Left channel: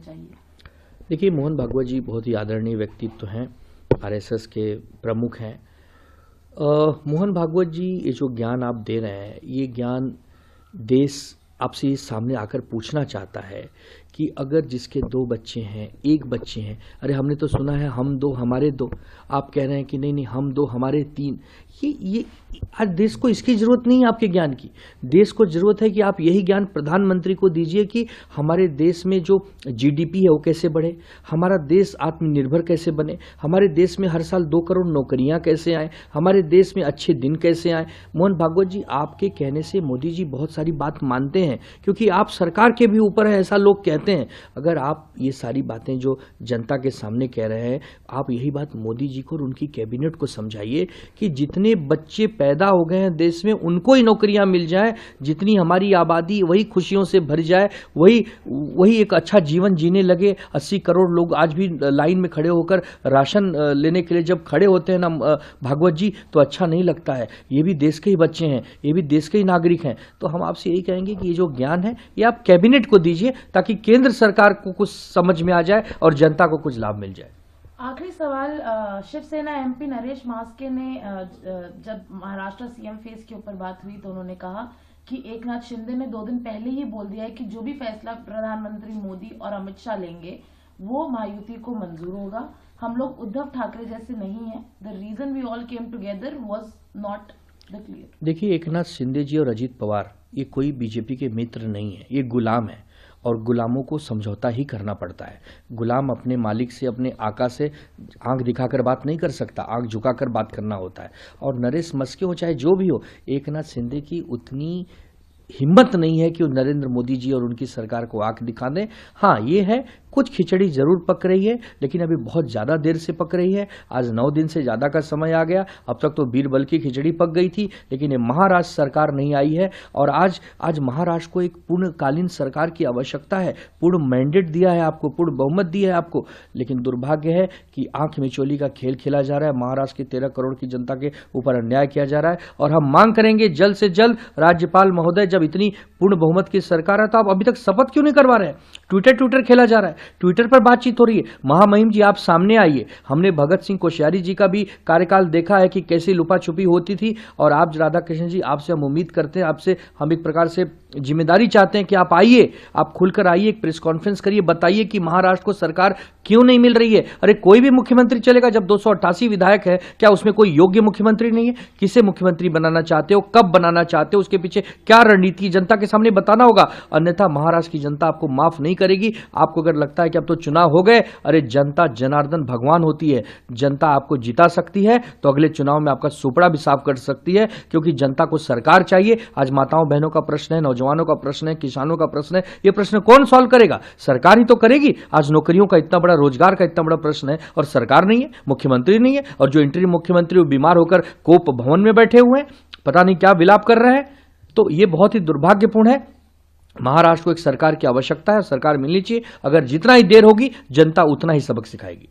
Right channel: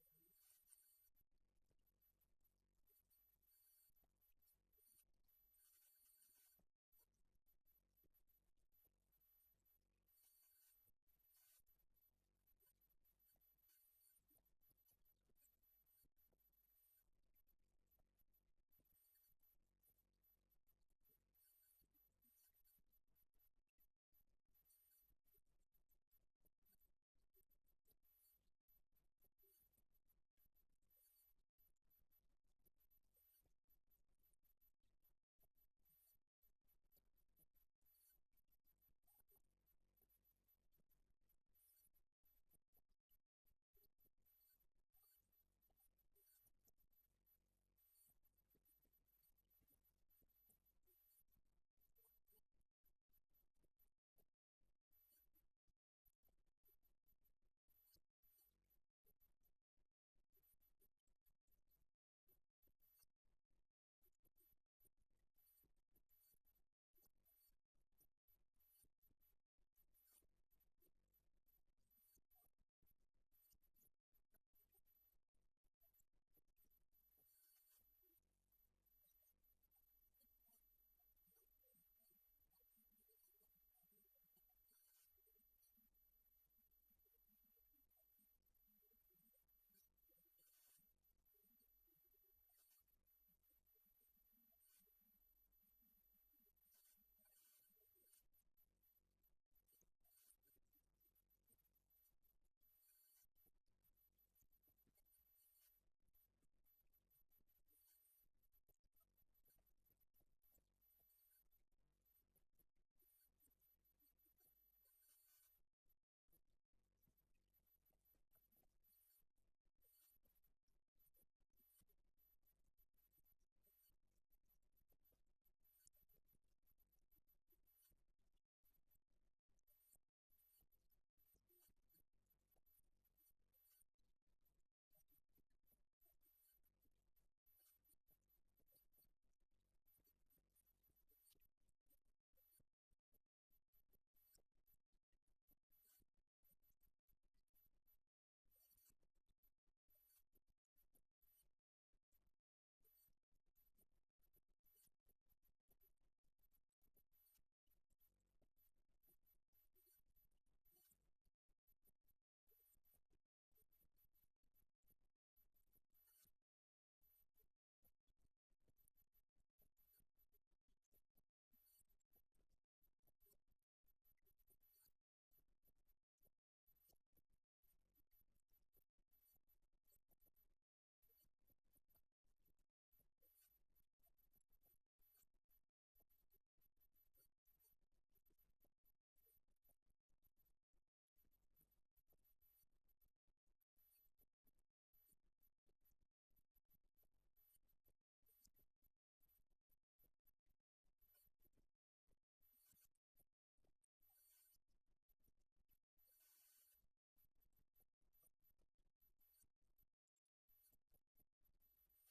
चाहिए? देखिए, मोहन भागवत जी बहुत ही आदरणीय व्यक्तित्व हैं, आरएसएस के प्रमुख हैं। मोहन भागवत जी, ये जो ज्ञान आप दे रहे हैं, ये ज्ञान देश आपसे सामने आकर पूछना चाहता है कि अगर जिसके 2 बच्चे हैं, 1 बच्चे हैं, अरे हमने तो सुना है हम 2 हमारे 2, आप कह रहे हैं कि नहीं नहीं हम 2 हमारे 3। ये आज देश को इसकी जरूरत नहीं है आपके ज्ञान की। देश को जरूरत है कि आप यही ज्ञान प्रधानमंत्री को दीजिए कि हमारे देश में जो जीडीपी है वो कैसे बढ़े, हमारा देश आत्मनिर्भर कैसे बने, हमारे देश में हर साल 2 करोड़ नौकरियां कैसे आए, हमारे देश में अच्छे दिन कैसे आए। मोहन भागवत जी, आपके कहने से मोदी जी बहुत सारी बात मानते हैं, क्योंकि आप सरकार के भी ऊपर है, ऐसा लोग कहते हैं। अगर आप ये सारी बातें जो जनता के सामने कह रहे हैं, आप यही बात मोदी जी को और उनकी कैबिनेट को समझाइए कि जितने बच्चे पैदा हो गए हैं देश में उनको ही नौकरियां मिल जाए, जितनी हमारी आबादी वही खुशियों से भर जाए, वही एक अच्छा जीवन जीने लगे। 80 करोड़ लोग आज भी लाइन में खड़े होकर राशन लेने के लिए जब खड़े होते हैं ना भागवत जी, तो अच्छा नहीं लगता है। ये भी देश के ही बच्चे हैं, ये भी देश के ही नागरिक हैं। तो हम आपसे यही कहेंगे कि ये जो ज्ञान है ये आप कैबिनेट को दीजिए, ताकि केंद्र सरकार को कुछ समझ में आ जाए और जनता को कुछ लाभ मिल जाए। आखिरी सवाल, शिवसेना एमपी नरेश मास्के ने जब महाराष्ट्र सीएम फेस के ऊपर बात हुई तो उन्होंने कहा कि एकनाथ शिंदे ने 2 दिन पहले ही बोल दिया है कि जो भी फैसला प्रधानमंत्री मोदी और अमित शाह लेंगे वो महायुति को मंजूर होगा। हम लोग उद्धव ठाकरे जैसे नहीं हैं। The reason we all came together was not the clear. देखिए, एकनाथ शिंदे जी और अजीत पवार ये कोई बीजेपी के मित्र नहीं है, ये गुलाम है और गुलामों को समझौता ही करना पड़ता है। गुलाम अपने मालिक से, अपने आका से आंख दिखाकर बात नहीं कर सकता, आंख झुकाकर बात करना होता है। और नरेश मस्के हो चाहे जो भी हो, एकनाथ शिंदे की उतनी हिम्मत नहीं है कि वो नरेंद्र मोदी जी और उनकी सरकार को आंख दिखा दें। हाँ, ये है कुछ खिचड़ी जरूर पक रही है, लेकिन अभी बहुत ज़्यादा देर से पक रही है। आज 9 दिन से ज़्यादा का समय आ गया। अब तक तो बीरबल की खिचड़ी पक गई थी, लेकिन ये महाराष्ट्र सरकार नहीं आई है और आज महाराष्ट्र को एक पूर्णकालीन सरकार की आवश्यकता है। पूर्ण मैंडेट दिया है आपको, पूर्ण बहुमत दिया है आपको, लेकिन दुर्भाग्य है कि आंख मिचोली का खेल खेला जा रहा है। महाराष्ट्र की 13 करोड़ की जनता के ऊपर अन्याय किया जा रहा है और हम मांग करेंगे जल्द से जल्द राज्यपाल महोदय, जब इतनी पूर्ण बहुमत की सरकार है तो आप अभी तक शपथ क्यों नहीं करवा रहे हैं? ट्विटर खेला जा रहा है, ट्विटर पर बातचीत हो रही है। महामहिम जी, आप सामने आइए। हमने भगत सिंह कोश्यारी जी का भी कार्यकाल देखा है कि कैसी लुपा छुपी होती थी। और आप राधा कृष्ण जी, आपसे हम उम्मीद करते हैं, आपसे हम एक प्रकार से जिम्मेदारी चाहते हैं कि आप आइए, आप खुलकर आइए, एक प्रेस कॉन्फ्रेंस करिए, बताइए कि महाराष्ट्र को सरकार क्यों नहीं मिल रही है। अरे कोई भी मुख्यमंत्री चलेगा, जब 288 विधायक है, क्या उसमें कोई योग्य मुख्यमंत्री नहीं है? किसे मुख्यमंत्री बनाना चाहते हो, कब बनाना चाहते हो, उसके पीछे क्या रणनीति जनता के सामने बताना होगा, अन्यथा महाराष्ट्र की जनता आपको माफ नहीं करेगी। आपको अगर लगता है कि अब तो चुनाव हो गए, अरे जनता जनार्दन भगवान होती है, जनता आपको जिता सकती है तो अगले चुनाव में आपका सुपड़ा भी साफ कर सकती है, क्योंकि जनता को सरकार चाहिए। आज माताओं बहनों का प्रश्न है, नौजवानों का प्रश्न है, किसानों का प्रश्न है, ये प्रश्न कौन सॉल्व करेगा? सरकार ही तो करेगी। आज नौकरियों का इतना बड़ा, रोजगार का इतना बड़ा प्रश्न है और सरकार नहीं है, मुख्यमंत्री नहीं है, और जो इंटरिम मुख्यमंत्री वो बीमार होकर कोप भवन में बैठे हुए हैं, पता नहीं क्या विलाप कर रहे हैं। तो ये बहुत ही दुर्भाग्यपूर्ण है। महाराष्ट्र को एक सरकार की आवश्यकता है, सरकार मिलनी चाहिए। अगर जितना ही देर होगी, जनता उतना ही सबक सिखाएगी।